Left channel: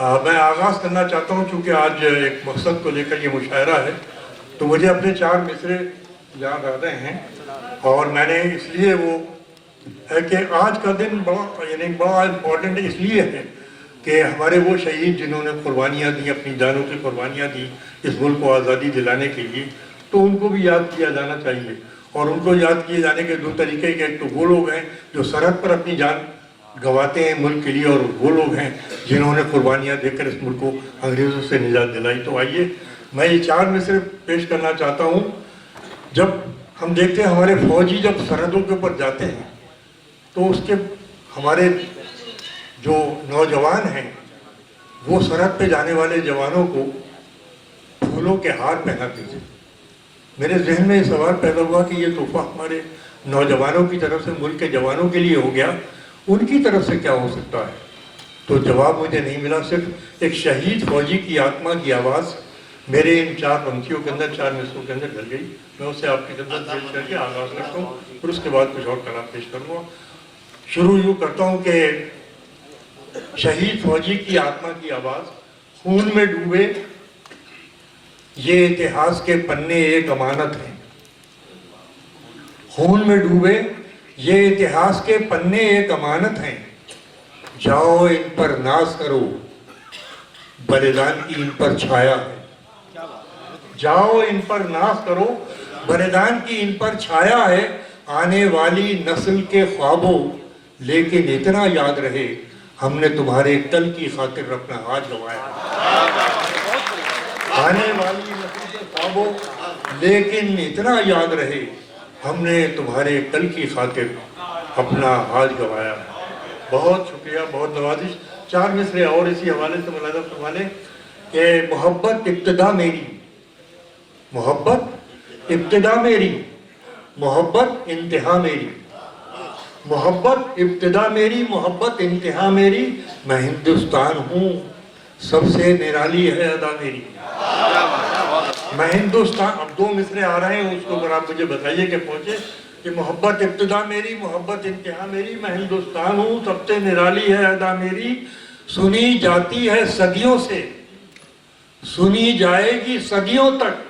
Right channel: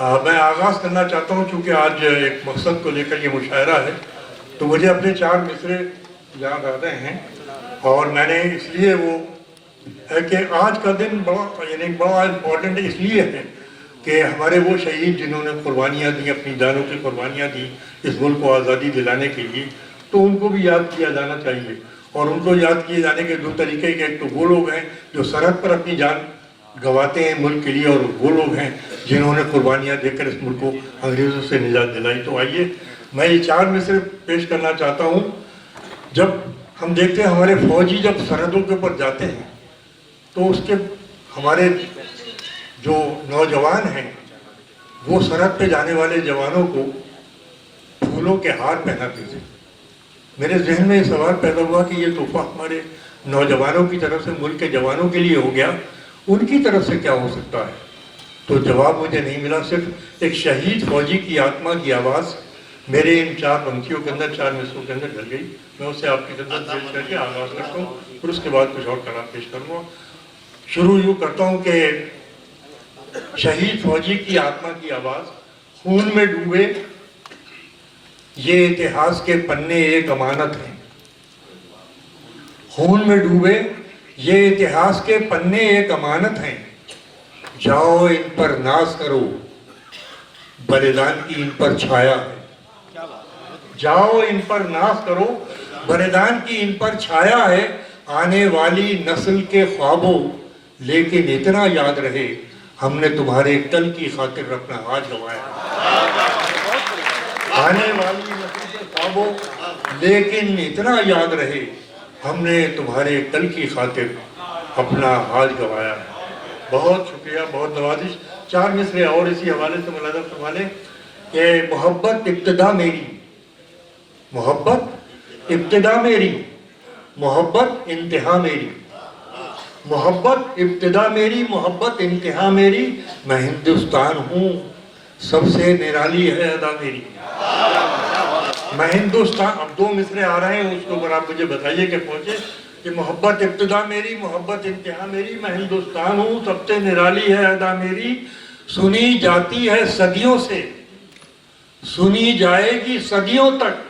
मैं आगाज़ करना चाहता हूँ क्योंकि आज एक मकसद को लेकर ये मुशायरा है, तो मुझे अपने 4 मिसरे याद आ रहे हैं और मैंने इसलिए वो है कि आज का दिन बड़ा इम्पोर्टेंट इसलिए है कि हमारे वो शहीद जिन्होंने कुर्बानियाँ दी, अपनी जानों की कुर्बानियाँ दी इस मुल्क को आज़ादी दिलाने के लिए, तो उनको भी याद किया जाना चाहिए। और उनको याद किए जाने के 2 तरीके के, एक तो वो लोग हैं जो सरहद पर अपनी जान गंवाते हैं मुल्क के लिए, और वो लोग हैं जिन्होंने कुर्बानियाँ देकर इस मुल्क को अंग्रेज़ों से निजात दिलाई। तो आइए मैं ये 4 मिसरे पेश करना चाहता हूँ। जब हम देखते हैं हमारे फौजी जब सरहदों के ऊपर जाते हैं तो उसके हमारे जो नौजवान हैं वो सरहद पे जाने वाले जवानों को फूलों के हार पहनाते थे। मेरे जहन में ये सवाल पैदा हुआ कि ये तोहफा हमारे नौजवानों की तरफ से मुल्क के जवानों के लिए हो गया, उनकी तरफ से क्या हो सकता है? तो जवाब मुझे नहीं मिला। सिर्फ एक शहीद फौजी की आत्मा की आवाज़ मेरे इन 4 पंक्तियों के अंदर, 4 मिसरों के अंदर ढल गई। मैं उसे आपकी खिदमत पेश करके आगाज़ करता हूँ, फिर उसके बाद कुछ और कलाम पेश करूँगा। शुरू यूँ करता हूँ कि शहीद फौजी की आत्मा की आवाज़, खून में डूबे ये इतिहास के पन्ने एक अमानत हैं। खून में डूबे ये इतिहास के पन्ने एक अमानत हैं। जाओ इन पर नाज करो, बलिदान की इन पर छाया है। जाओ इन पर नाज करो, बलिदान की इन पर छाया है। आने वाली नस्ल के ख्वाबों लेकिन इतना याद रहे, हमने तुम्हारे कल की खातिर अपना आज गंवाया। आने वाली नस्ल के ख्वाबों लेकिन इतना याद रहे, हमने तुम्हारे कल की खातिर अपना आज गंवाया। बहुत शुक्रिया, बहुत नवाजिश। 4 मिसरे और इसी हवाले से मुलाज़ा फरमा लें कि मोहब्बत इब्तिदा मेरी, मोहब्बत इब्तिदा मेरी, मोहब्बत इंतहा मेरी। मोहब्बत इब्तिदा मेरी, मोहब्बत इंतहा मेरी। मैं हिंदुस्तान हूँ, सबसे निराली है अदा मेरी। मैं हिंदुस्तान, अब 2 मिसरे आ रहे हैं, उसके ऊपर आप मुझे बताइए कि पहुँचे कि मोहब्बत इब्तिदा मेरी, मोहब्बत इंतहा मेरी। मैं हिंदुस्तान हूँ, सबसे निराली है अदा मेरी। सुनी जाती है सदियों से, सुनी जाएगी सदियों तक।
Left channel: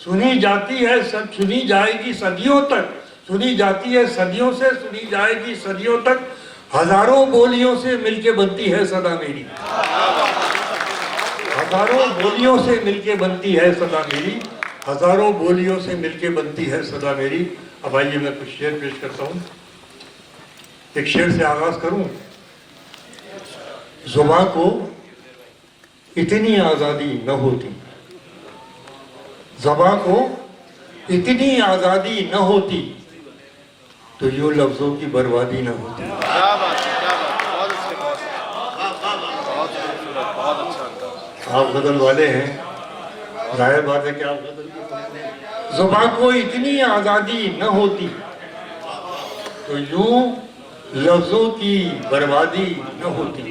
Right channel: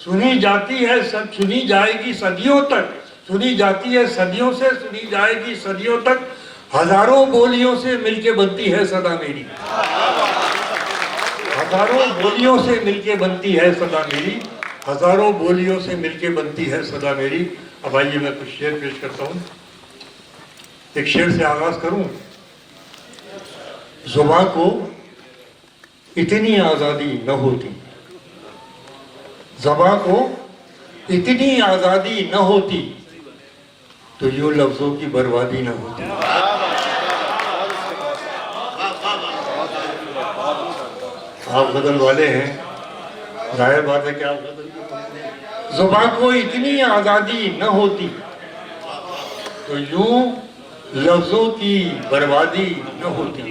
सुनी जाती है सुनी जाएगी सदियों तक। सुनी जाती है सदियों से, सुनी जाएगी सदियों तक। हजारों बोलियों से मिलके बनती है सदा मेरी। हजारों बोलियों से मिलके बनती है सदा मेरी। हजारों बोलियों से मिलके बनती है सदा मेरी। अब आइए मैं कुछ शेर पेश करता हूँ। एक शेर से आगाज करूँ। जुबां को इतनी आज़ादी न होती, ज़बां को इतनी आज़ादी न होती, तो यूं लफ्ज़ों की बर्बादी न होती। आप गज़ल वाले हैं, जाहिर बात है कि आप गज़ल की। ज़बां को इतनी आज़ादी न होती, तो यूं लफ्ज़ों की बर्बादी न होती,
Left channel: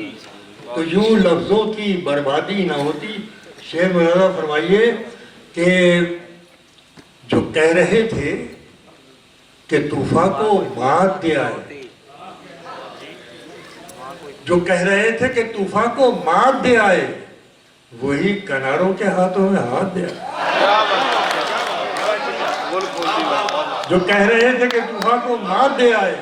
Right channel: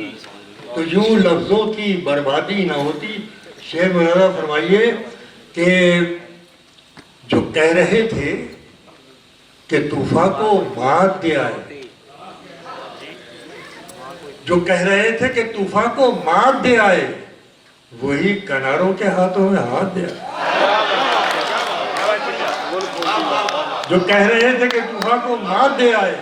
तो यूं लफ्ज़ों की बर्बादी न होती। शेर मुलाज़ा फरमाइए कि जो कह रहे थे कि तूफा को मात दे आए, जो कह रहे थे कि तूफा को मात दे आए, वही किनारों के हाथों में हाथ दे आए। जो कह रहे थे कि तूफा को मात दे आए,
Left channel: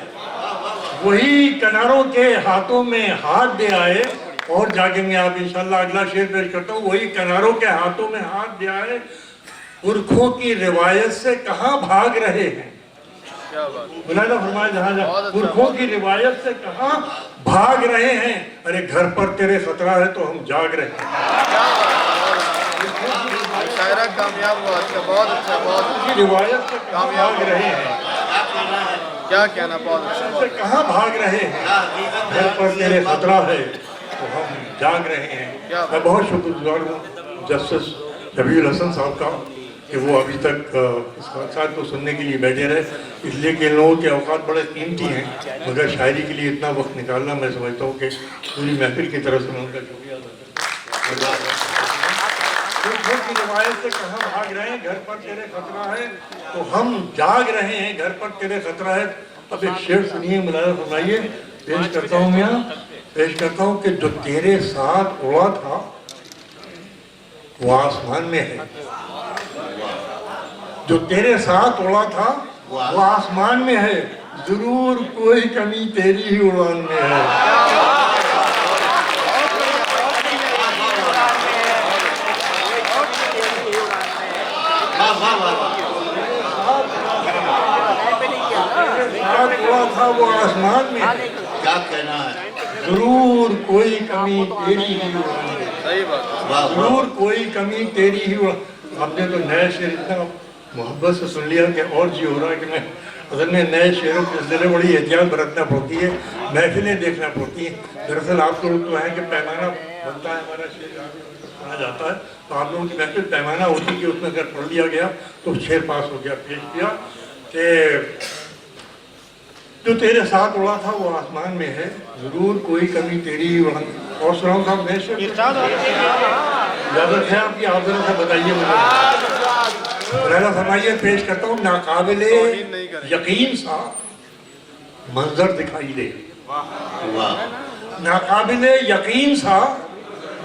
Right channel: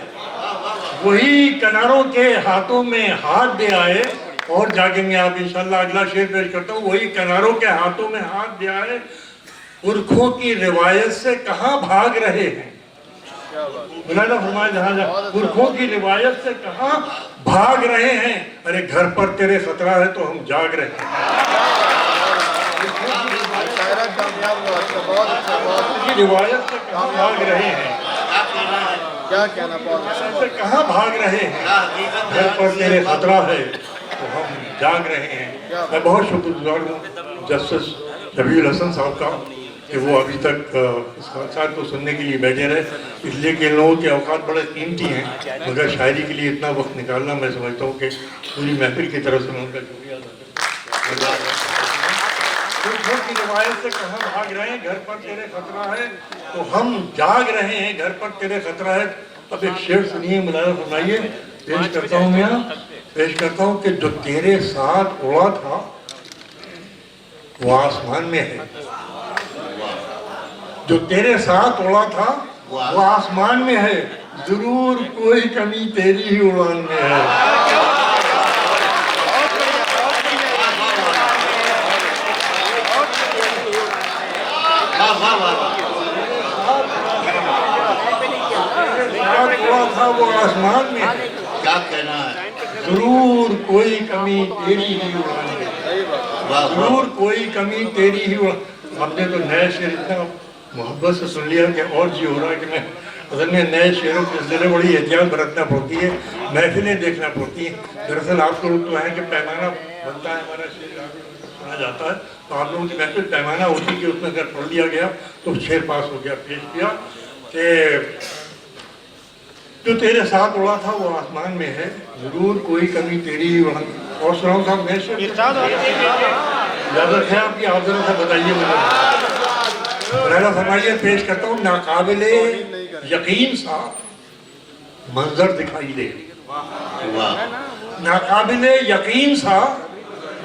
वही किनारों के हाथों में हाथ दे आए। और जागेंगे आप इंशाल्लाह। अगला शेर पेश करता हूँ। वही किनारों के हाथों में हाथ दे आए, पुरखों की रिवायत से कहाँ भाग रहे हैं। मुलाज़ा फरमाए जहाँ पुरखों की रिवायत से कहाँ भाग रहे हैं। अरे घर पर तेरे खतरा है तो हम जाग रहे हैं। रिवायत से कहाँ भाग रहे हैं, क्या कहना, बहुत से कहाँ भाग रहे हैं। घर पर तेरे खतरा है तो हम जाग रहे हैं। मैं बहुत शुक्रगुजार हूँ जस्टिस शबीर हसन साहब का कि वो अभी तक इस हादसा को सुनने के लिए बैठे रहे, इसलिए कि इन लोगों के औकात बड़े कीमती हैं, मगर शायरी के लिए इतना वक्त निकालना मैं समझता हूँ कि पूरी महफिल की तरफ से मैं उनका शुक्रिया अदा करता हूँ। की रिवायत से कहाँ भाग रहे हैं, घर पर तेरे खतरा है तो हम जाग रहे हैं, घर पर तेरे खतरा है। अब एक शेर सुनिए, मुलाज़ा फरमाइए पेश करता हूँ मैं, पेश करता हूँ कि जो तेरे साथ उड़ा था वो आसमान में है। जो तेरे साथ उड़ा था वो आसमान में है, जरूर कोई कमी तेरी ही उड़ान में है। साथ उड़ा था वो आसमान में है, क्या कहना है? जरूर कोई कमी तेरी ही उड़ान में है। सही बात। जरूर कोई कमी तेरी ही आपने तो नए शेर इतना मोहब्बत से सुन लिया कि और जी हो रहा है कि मैं असल में नए शेरों के सिलसिले बड़ी एहतियात बरतना पड़ती है, महफिलें देखना पड़ती हैं। दरअसल आप लोग तो है कि पैमाना बनता है, हमारा शेर पढ़ा जाता है तो आप लोगों की महफिल पैमाना होती है कि उसमें अगर पढ़ लिया गया तो शेर पास हो गया। पेश किया कि जो तेरे साथ उड़ा था वो आसमान में है, जरूर कोई कमी तेरी ही उड़ान। और सुनाओ साहब नए शेर इजाजत है आपकी, आप जरा से बताइए मुझे। रहना फरमाइए, पेश करता हूँ, नाकाबिले यकीन सा मंजर दिखाई दे। नाकाबिले यकीन सा,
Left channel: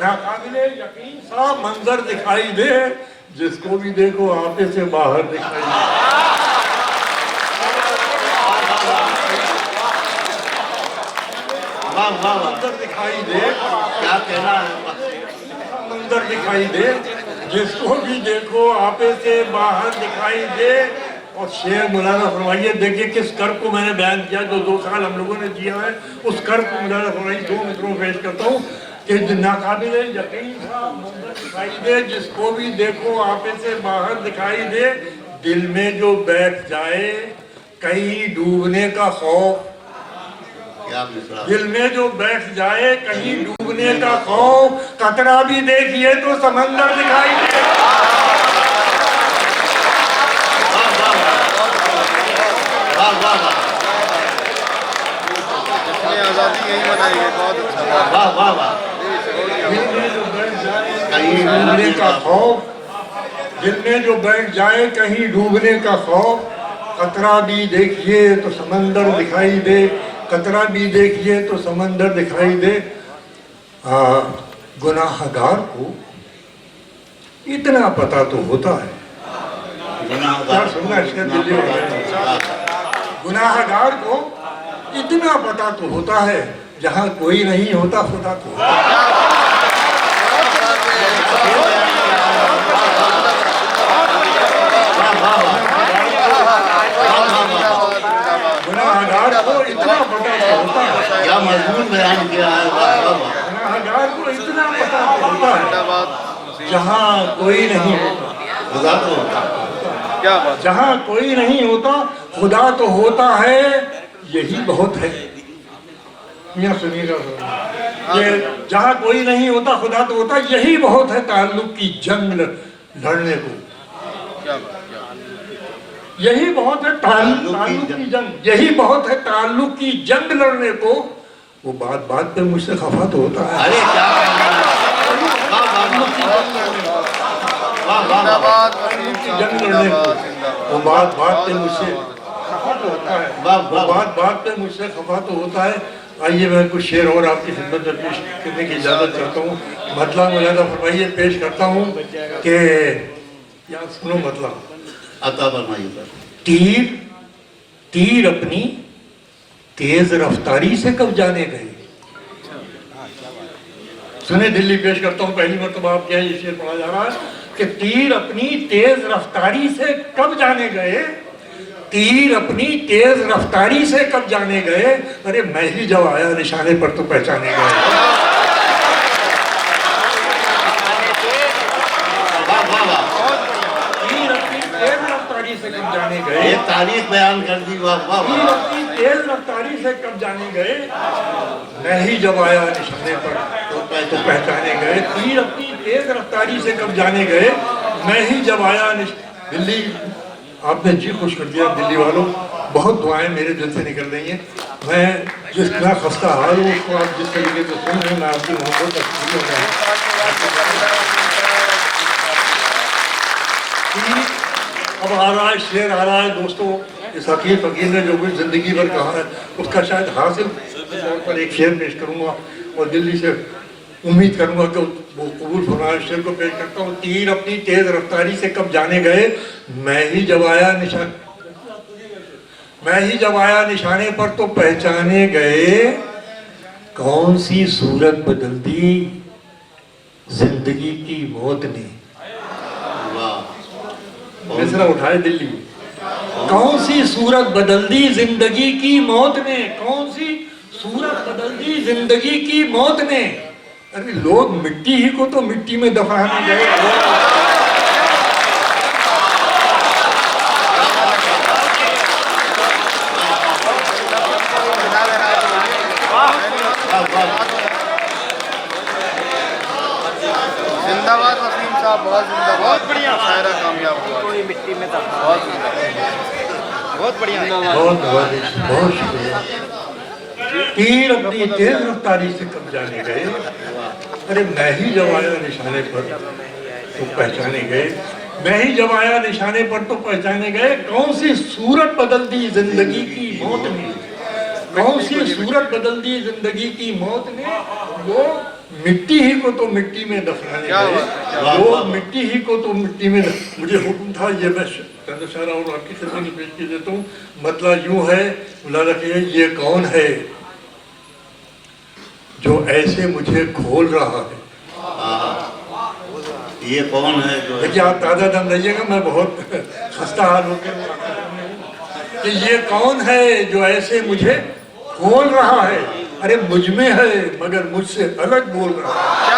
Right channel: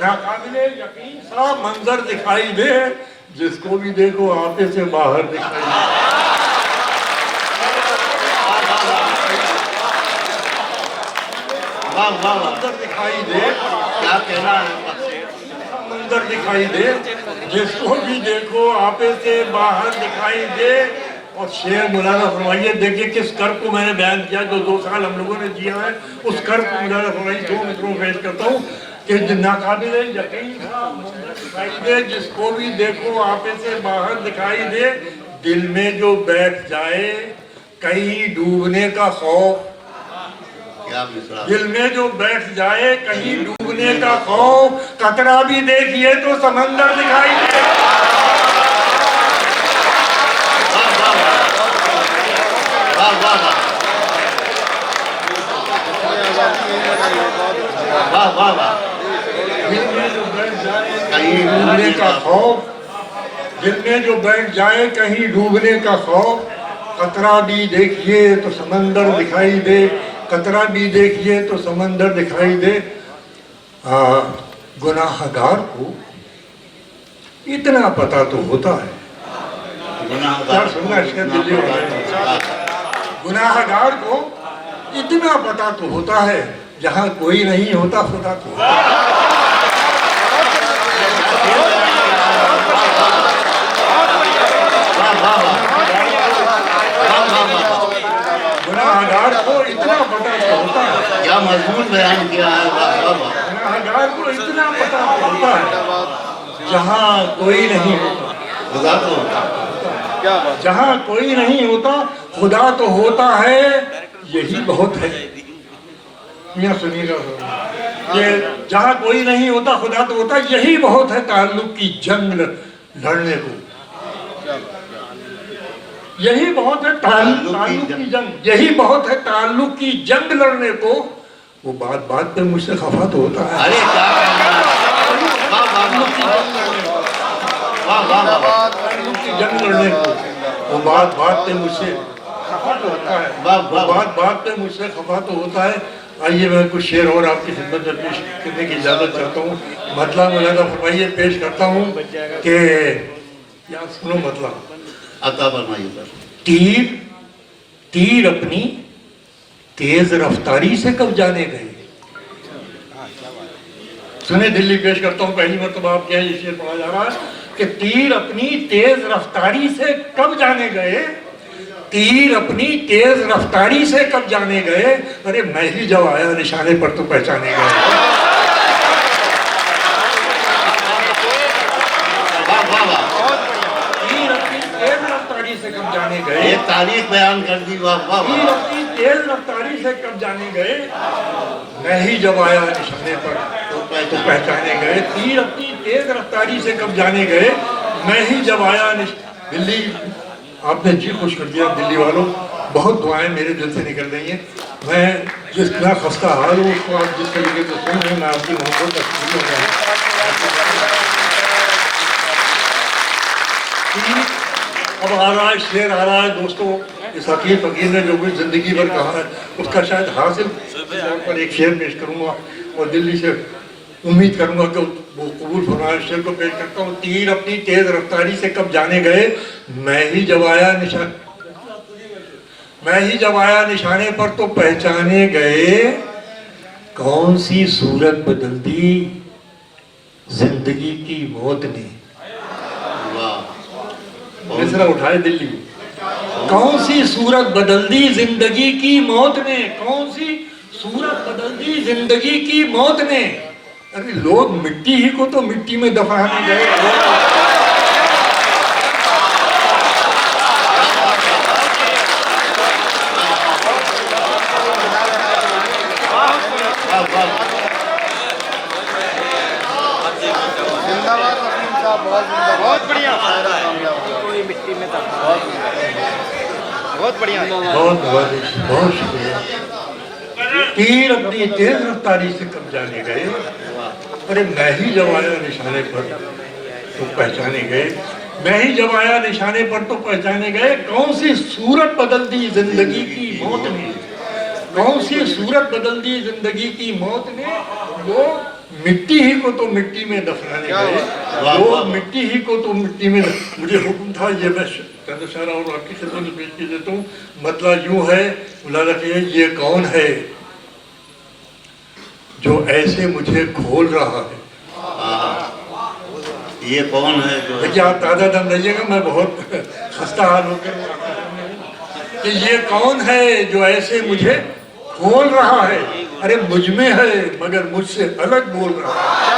नाकाबिले यकीन सा मंजर दिखाई दे, जिसको भी देखो आपे से बाहर दिखाई दे। मंजर दिखाई दे, क्या कहना है? मंजर दिखाई दे, जिसको भी देखो आपे से बाहर दिखाई दे। और शेर मौलाना फरमाइए, देखिए किस कर्ब को मैंने बयान किया जो 2 साल हम लोगों ने जिया है, उस कर्ब को मौलाना फरमाइए 2 मित्रों पेश करता हूँ कि नाकाबिले यकीन था मंजर दिखाई दे, जिसको भी देखो आपे से बाहर दिखाई दे। दिल में जो बैठ जाए कहीं डूबने का खौफ, क्या मिसरा? दिल में जो बैठ जाए कहीं डूबने का खौफ, कतरा भी देखिए तो समंदर दिखाई दे। आजादी यही बनाई है, बहुत अच्छा। वाह वाह वाह। दिल में जो बैठ जाए कहीं डूबने का खौफ, दिल में जो बैठ जाए कहीं डूबने का खौफ, कतरा भी देखिए तो समंदर दिखाई दे, कतरा भी देखिए तो समंदर दिखाई दे। गुनाहगार को इतना पता तो होता है, क्या सुनना इसका दिल्ली वाला, गुनाहगार को इतना पता तो होता है, जहाँ कोई नहीं होता खुदा तो होता है। गुनाहगार को इतना पता तो होता है, क्या मजबूत बयान किया है। गुनाहगार को इतना पता तो होता है, जहाँ कोई नहीं होता खुदा तो होता। क्या बात। जहाँ कोई नहीं होता खुदा तो होता है, यही बहुत है। मियां सुनिएगा, ये जहाँ कोई नहीं होता खुदा तो होता, यही बहुत है ताल्लुक की जंग लड़ने को। यही बहुत है ताल्लुक की जंग, यही बहुत है ताल्लुक की जंग लड़ने को। वो बात बात पे मुझसे खफा तो होता है। अरे क्या ताल्लुक की जंग लड़ने को, वो बात बात पे मुझसे खफा तो होता है, वो बात बात पे मुझसे खफा तो होता है। आइए मैं कुछ शेर और आपकी खिदमत में पेश करने की इजाज़त चाहता हूँ। मतलब मुलादा फरमाइए, पेश करता हूँ कि क्या सुनो, मतलब अता फरमाइए सर। तीर तीर अपनी तेज रफ्तारी से कब जाने गए। सुने दिल्ली, पेश करता हूँ, पहली मरतबा आप क्या ये शेर पढ़ा जा रहा है कि तीर अपनी तेज रफ्तारी से कब जाने गए, तीर अपनी तेज रफ्तारी से कब जाने गए। अरे मैं ही जब आया निशाने पर तो पहचाने गए। से कब जाने गए, एक तारीख बयान कर दी। वाह वाह। तीर अपनी तेज रफ्तारी से कब जाने गए, मैं ही जब आया निशाने पर तो पहचाने गए। तीर अपनी तेज रफ्तारी से कब जाने गए, मैं ही जब आया दिल्ली, आपने जी खुश कर दिया दिल्ली वालों। बहुत दुआएं मेरे दिल से निकल रही हैं। मैं जितना खस्ता हाल हूँ उसको आप जिस तरीके से सुन रहे हैं, मैं आपकी मोहब्बत का शुक्रिया अब आ रहा है, शेर आ रहा है दोस्तों। इस हकीर फकीर ने जो कुछ जिंदगी भर कहा है उसका शायद हासिल तौर पर एक शेर पेश करूंगा और दिल्ली से उम्मीद करूंगा कि वो कबूल फरमाए। शेर को पेश करता हूँ। तीर अपनी तेज रफ्तारी से कब जाने गए, मैं ही जब आया निशाने पर तो पहचाने गए, कौन सी सूरत बदल दी जिंदगी की मौत ने। मिसरा उठाए दिल्ली। कौन सी सूरत बदल दी जिंदगी की मौत ने, कौन सी सूरत बदल दी जिंदगी की मौत ने। अरे लोग मिट्टी ही को तो मिट्टी में दफनाने गए। जिंदाबाद वसीम साहब, बहुत जिंदाबाद, बहुत बढ़िया शायरा कामयाब हुआ। कोई मिट्टी में था, बहुत बढ़िया, बहुत शुक्रिया। तीर अपनी तेज रफ्तारी से कब जाने गए, अरे मैं ही जब आया निशाने पर तो पहचाने गए, मैं ही जब आया निशाने पर तो पहचाने गए, कौन सी सूरत बदल दी जिंदगी की मौत ने, कौन सी सूरत बदल दी जिंदगी की मौत ने। वो मिट्टी ही को तो मिट्टी में दफनाने गए, वो मिट्टी ही को तो मिट्टी में। मुझे हुक्म था, ये मैं चंद शारा और आपकी खिदमत में पेश कर देता हूँ। मतलब यूँ है, बुला रखिए, ये कौन है जो ऐसे मुझे खोल रहा है। ये कौन है जो, देखिए आप ताज़ा दम रहिएगा, मैं बहुत खस्ता हाल हो गया कि ये कौन है जो ऐसे मुझे खोल रहा है। अरे मुझ में है मगर मुझसे अलग बोल रहा है।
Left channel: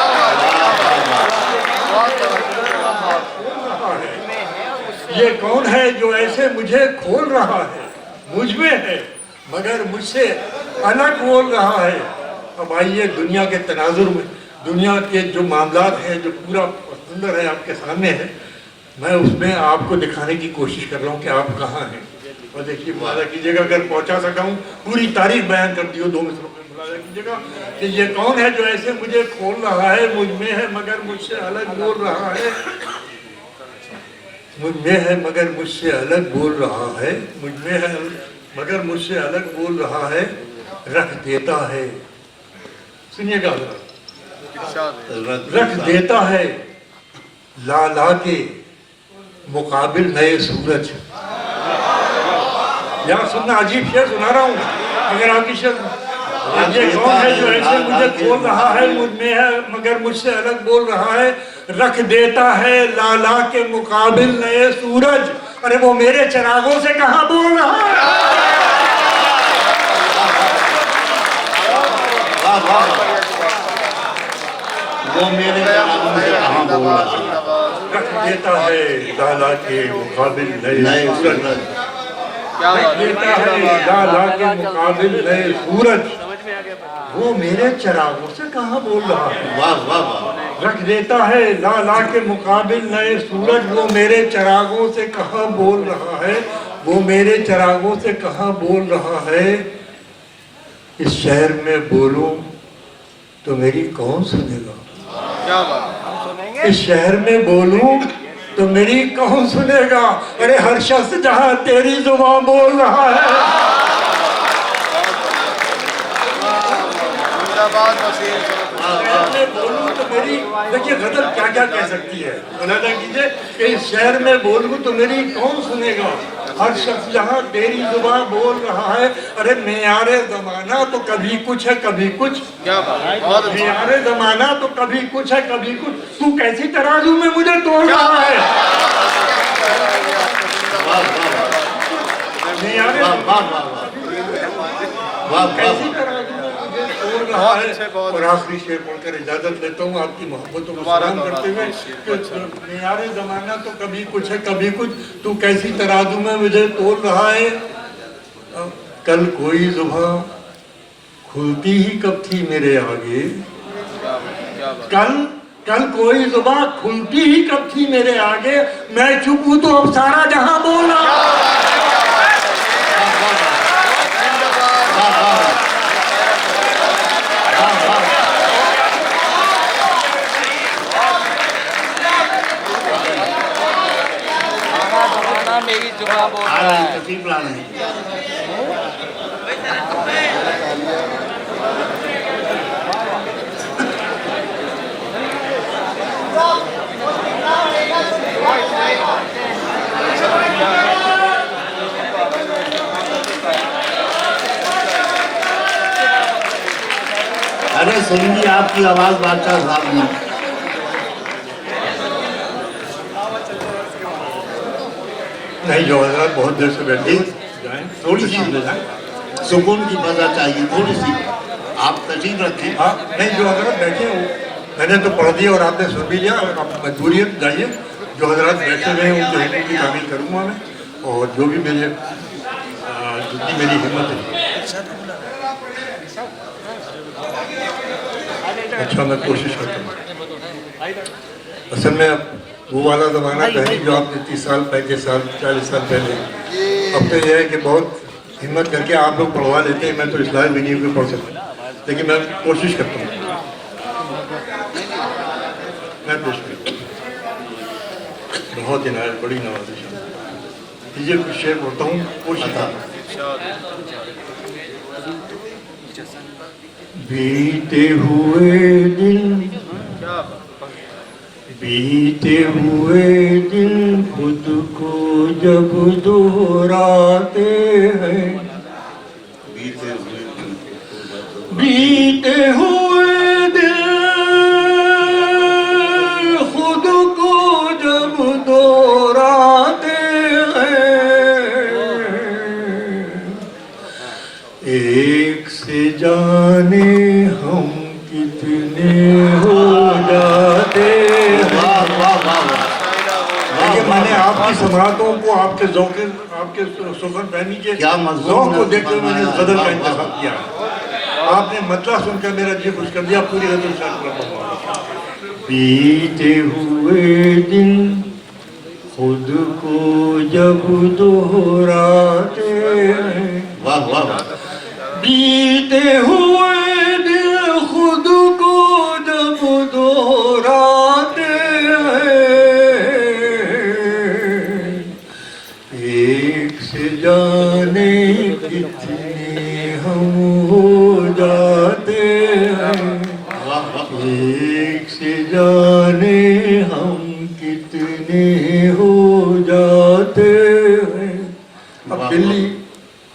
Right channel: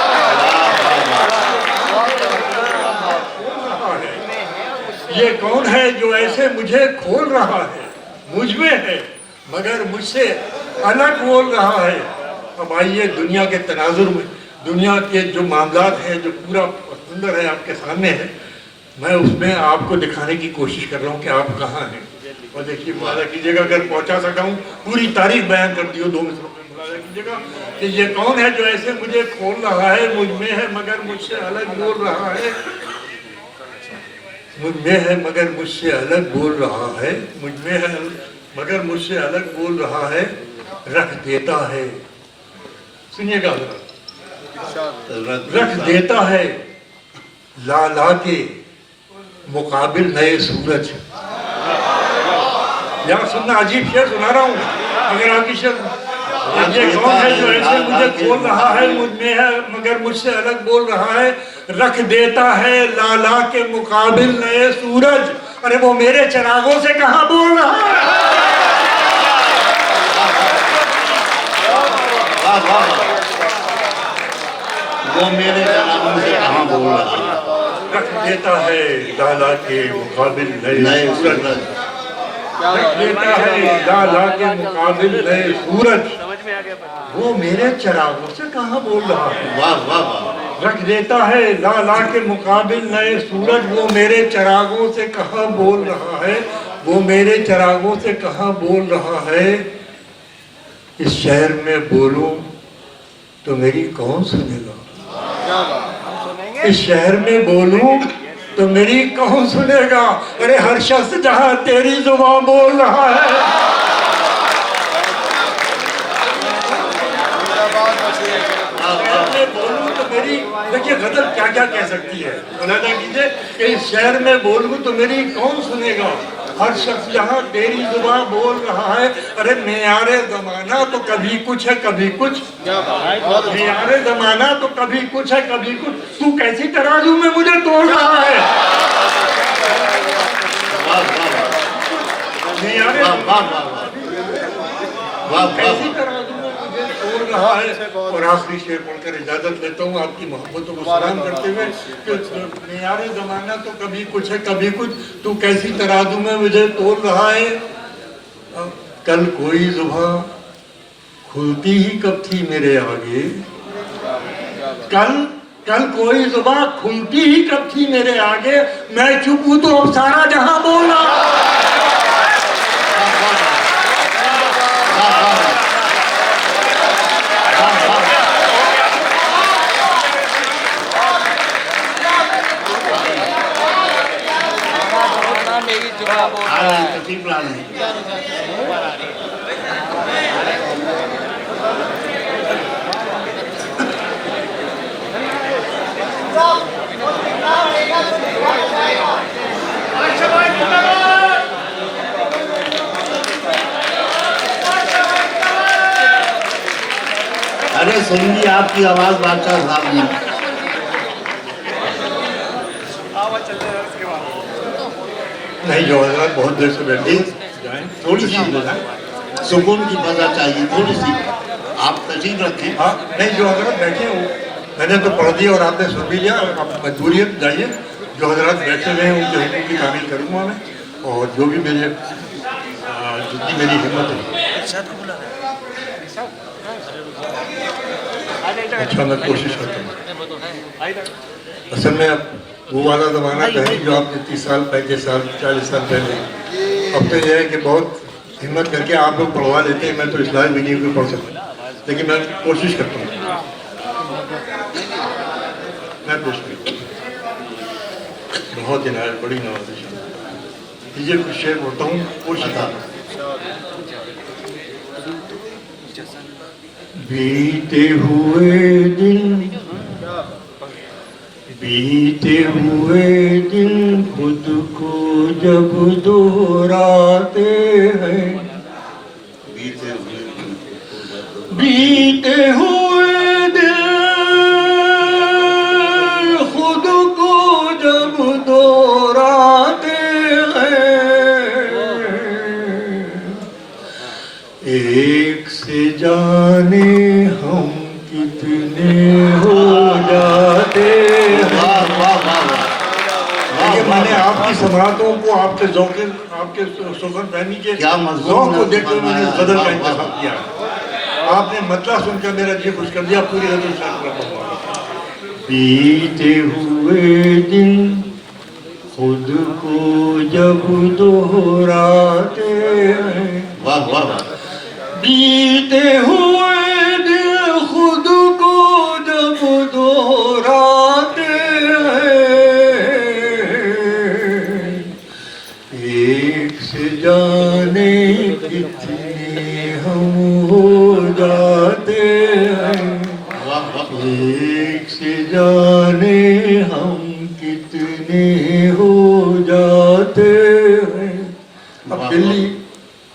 ये कौन है जो ऐसे मुझे खोल रहा है, मुझ में है मगर मुझसे अलग बोल रहा है। अब आइए दुनिया के तनाजुर में, दुनिया के जो मामलात हैं, जो पूरा सुंदर है आपके सामने है, मैं उसमें आपको दिखाने की कोशिश कर रहा हूँ कि आप कहाँ हैं। और देखिए मुलाजा कीजिएगा, अगर पहुँचा सका हूँ, पूरी तारीख बयान कर दी हो 2 मिनट में। मुलाजा कीजिएगा कि ये कौन है जो ऐसे मुझे खोल रहा है, मुझ में है मगर मुझसे अलग बोल रहा है, मुझ में है मगर मुझसे अलग बोल रहा है, मुझ में है मगर मुझसे अलग बोल रहा है, रख देता है। सुनिएगा, रख देता है ला ला के मुकाबिल नए सूरज। यहाँ सुनना, अजीब शेर सुना रहा हूँ, अगर आपकी शेर। ये कौन है जो ऐसे मुझे खोल रहा है, मुझ में है मगर मुझसे अलग बोल रहा है, रख देता है ला ला के मुकाबिल नए सूरज। अरे वो मेरे चिरागों से कहाँ बोल रहा है। वो मेरे चिरागों से कहाँ बोल रहा है। रख देता है ला ला के मुकाबिल नए सूरज, रख देता है ला ला के मुकाबिल नए सूरज। वो मेरे चिरागों से कहाँ बोल रहा है। वाह वाह वाह। रख देता है ला ला के मुकाबिल नए सूरज, वो मेरे चिरागों से कहाँ बोल रहा है, वो मेरे चिरागों से कहाँ बोल रहा है। इस शहर में बोलूं तो मेरी कौन सुनेगा, इस शहर में बोलूं तो मेरी कौन सुनेगा। अरे हर शख्स जहाँ तेरी जुबान बोल रहा है। बोलूं तो मेरी, देखिए गजल क्या क्या कह सकती है, मुलाजा कीजिए कि इस शहर में बोलूं तो मेरी कौन सुनेगा। हर शख्स जहाँ तेरी जुबान बोल रहा है। अरे मेयारे जमाना तो कभी कुछ है कभी कुछ, मेयारे जमाना तो कभी कुछ है कभी कुछ, तू कैसी तराजू में मुझे तोड़ रहा है। मेयारे कैसी तराजू में मुझे तोड़ रहा है। और आखिरी शेर पढ़कर इजाजत लेता हूँ, आपकी मोहब्बतों को सलाम करते हुए कि मेयारे जमाना तो कभी कुछ है कभी कुछ, तू कैसी तराजू में मुझे तोड़ रहा है। कल कोई जुबान खुलती ही कब थी मेरे आगे, कल कोई जुबान खुलती ही कब थी मेरे आगे, मैं चुप हूँ तो अब सारा जहां बोल रहा। मेरी कति प्लान है अरे सुनिए आपकी आवाज बादशाह साहब ने नहीं जो हजरत बहुत देर से बैठे जाएं थोड़ी सी सुकून की फजा चाहिए थोड़ी सी आप तशरीफ रखें हाँ नहीं जो हजरत बैठे हो मैंने तो पढ़ दिया और आपने सुन भी लिया आप मजबूरी है जाइए जो हजरत बैठे हुए हैं उनके हुक्म की तामील करूँगा मैं और जो भी मेरे जितनी मेरी हिम्मत है अच्छा मैं कोशिश करता हूँ असल में अब वो वाला ज़माना तो है जो आपने 30 साल 35 साल 40 साल पहले अब तो यह है कि बहुत हिम्मत करके आप लोग पढ़वा लेते हैं मैं तो इस लायक भी नहीं हूँ पढ़ सकता लेकिन मैं कोशिश करता हूँ मैं पेश करता हूँ बहुत इनायत बड़ी नवाजिश ये कुछ शेर बोलता हूँ कोशिश बीते हुए दिन खुद को जब दोहराते हैं बीते हुए दिन खुद को जब दोहराते हैं एक से जाने हम कितने हो जाते मैंने आपकी सम्राटों को आपके जौके आपके सुगन फहमी के क्या ज़ौक़ को देखते हुए मैंने इस गज़ल का इंतखाब किया आपने मतलब सुनकर मेरा जी खुश कर दिया पूरी गज़ल शायद कर बीते हुए दिन खुद को जब दोहराते हैं वाह वाह बीते हुए दिन खुद को जब दोहराते जाने कितने हम हो जाते हैं एक से जाने हम कितने हो जाते हैं अब दिल्ली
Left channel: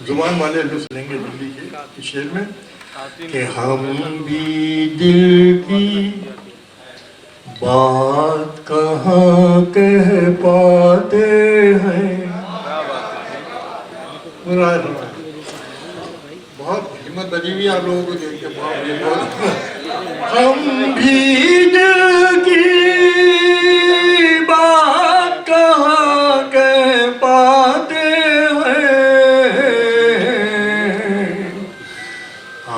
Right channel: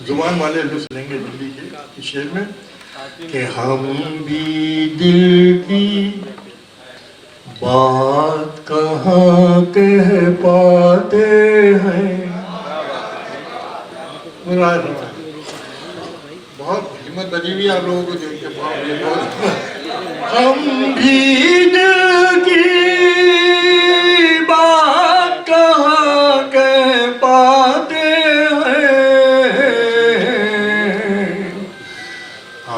जुबान वाले लुत्फ लेंगे दिल्ली के शेर में कि हम भी दिल की बात कहाँ कह पाते हैं बहुत हिम्मत बनी हुई आप लोगों को देख के हम भी दिल की बात कहाँ कह पाते हैं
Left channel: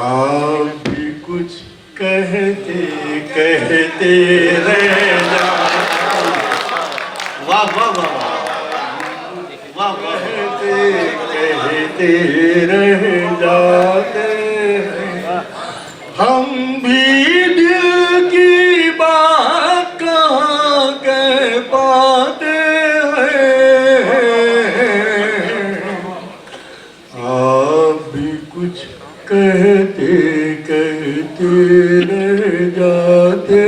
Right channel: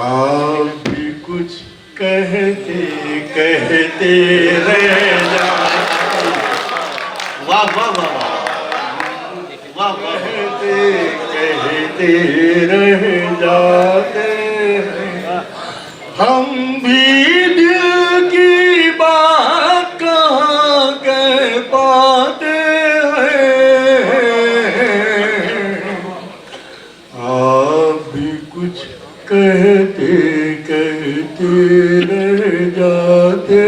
आप भी कुछ कहते कहते रह जाते वाह वाह वाह वाह कहते रह जाते हैं हम भी दिल की बात कहाँ कह पाते हैं आप भी कुछ कहते कहते रह जाते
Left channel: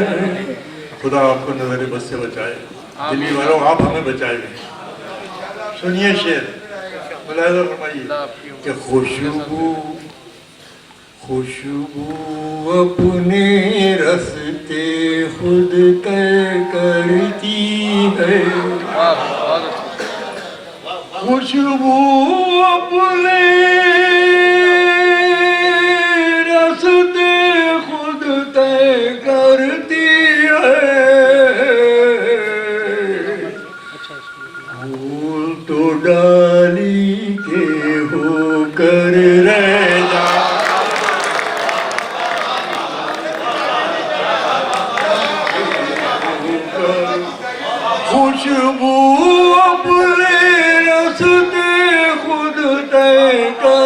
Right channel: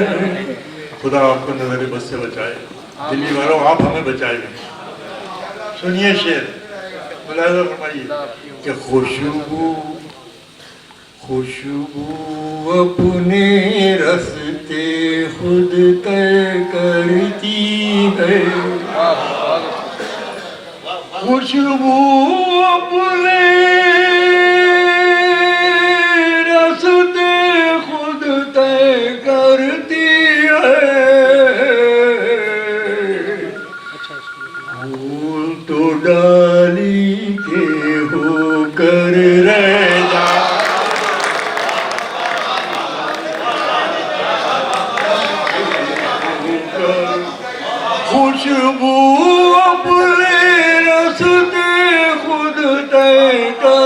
हैं खुदा आपको नजर बस से बचाए दिल्ली वालों आप हमें बचाए सुनिए शेर मुलाहिजा फरमाइए कि खुशबू अपने रस्ते खुद तय करती है खुशबू अपने रस्ते खुद तय करती है तो डाली के होकर रह जा खुशबू अपने रस्ते खुद तय कर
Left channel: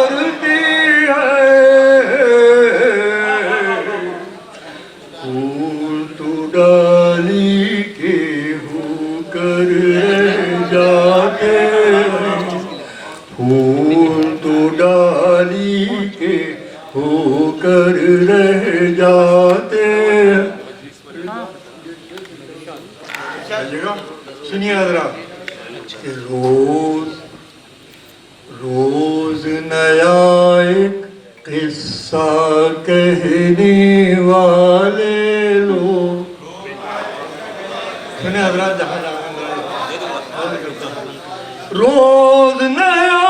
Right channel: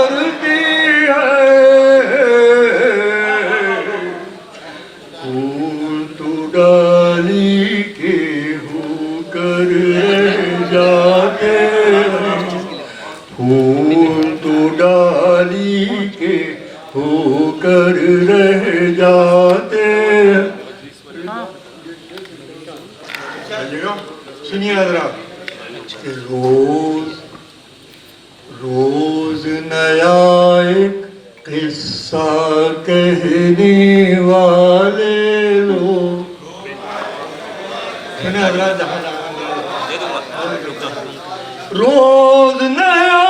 होकर रह जाते। सुनिए जरा, रोज रोज नया एक किस्सा कहने वाले लोग। सुनिए जरा, रोज नया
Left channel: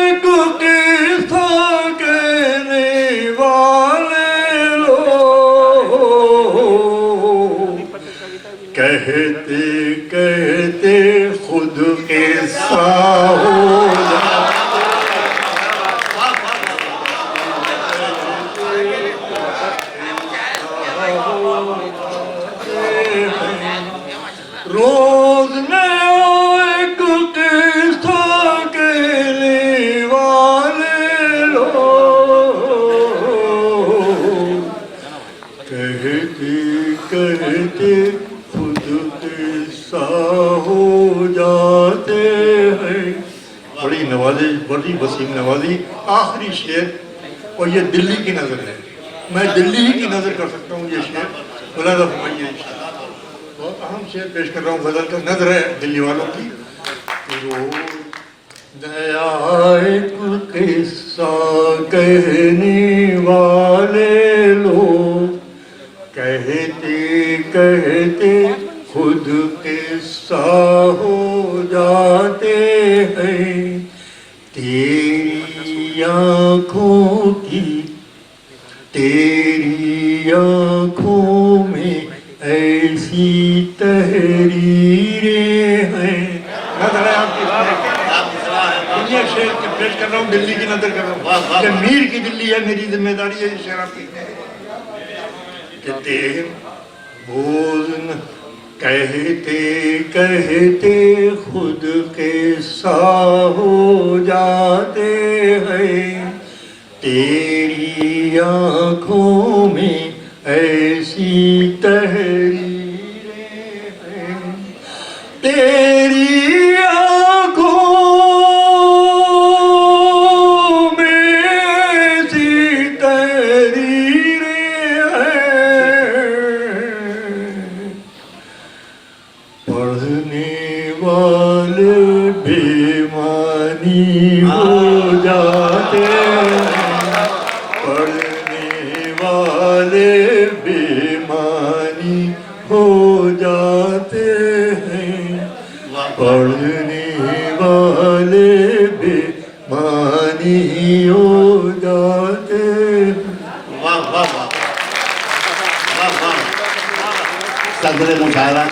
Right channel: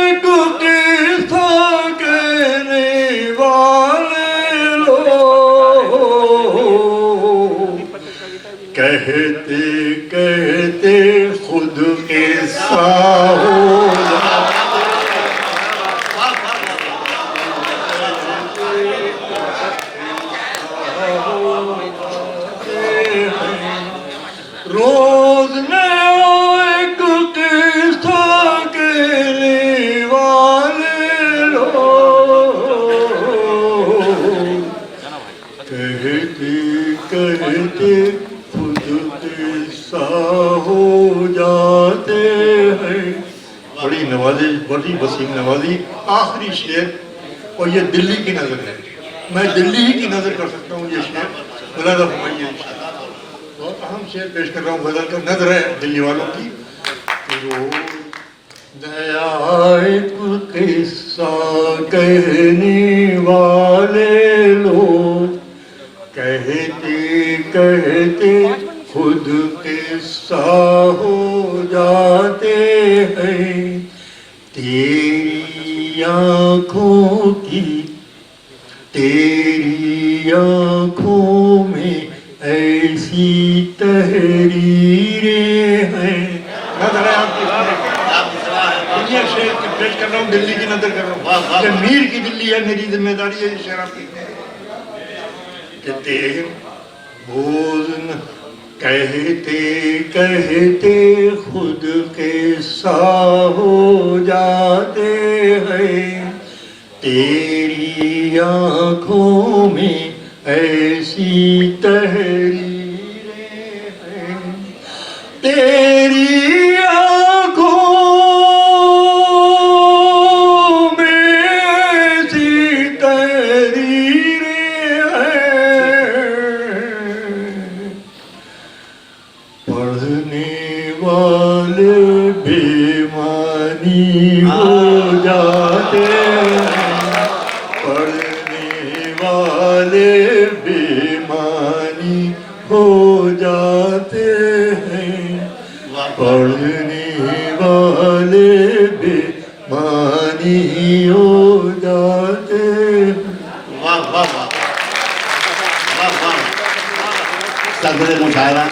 एक किस्सा कहने वाले लोग, कहते कहते खुद किस्सा हो रोज नया एक किस्सा कहने वाले लोग, कहते कहते खुद किस्सा हो जाते हैं। बड़ी नवाजी, बड़ी वसीम नवाजी। आखिरी शेर, और ये दिल्ली की नज़र है, मैं दिल्ली ही की नज़र कर सकता हूँ। ये शेर मुलादा फरमाइए, बहुत अहम शेर पेश कर रहा हूँ, गजल का नजर है दिल्ली वालों की। रोज नया एक किस्सा कहने वाले लोग, कहते कहते खुद किस्सा हो जाते हैं। तेरी आँखों की, तेरी आँखों में ऐसी तहरीरें हैं। नजर है आपकी, दुनिया शेर पेश कर रहा हूँ, दिल्ली की नजर कर रहा हूँ। ये मीर की दिल्ली है, मेरी जिम्मेदारी है ये शेर आपकी। कहते बोल कहते कहते खुद किस्सा हो जाते हैं। तेरी आँखों में ऐसी तहरीरें हैं, तेरी आँखों में ऐसी तहरीरें हैं। पढ़ने वाले बेईमानी हो जाते हैं, पढ़ने वाले बेईमानी हो जाते हैं, पढ़ने वाले बेईमानी हो जाते हैं। वाह वाह वाह वाह वाह। सदर मुशायरा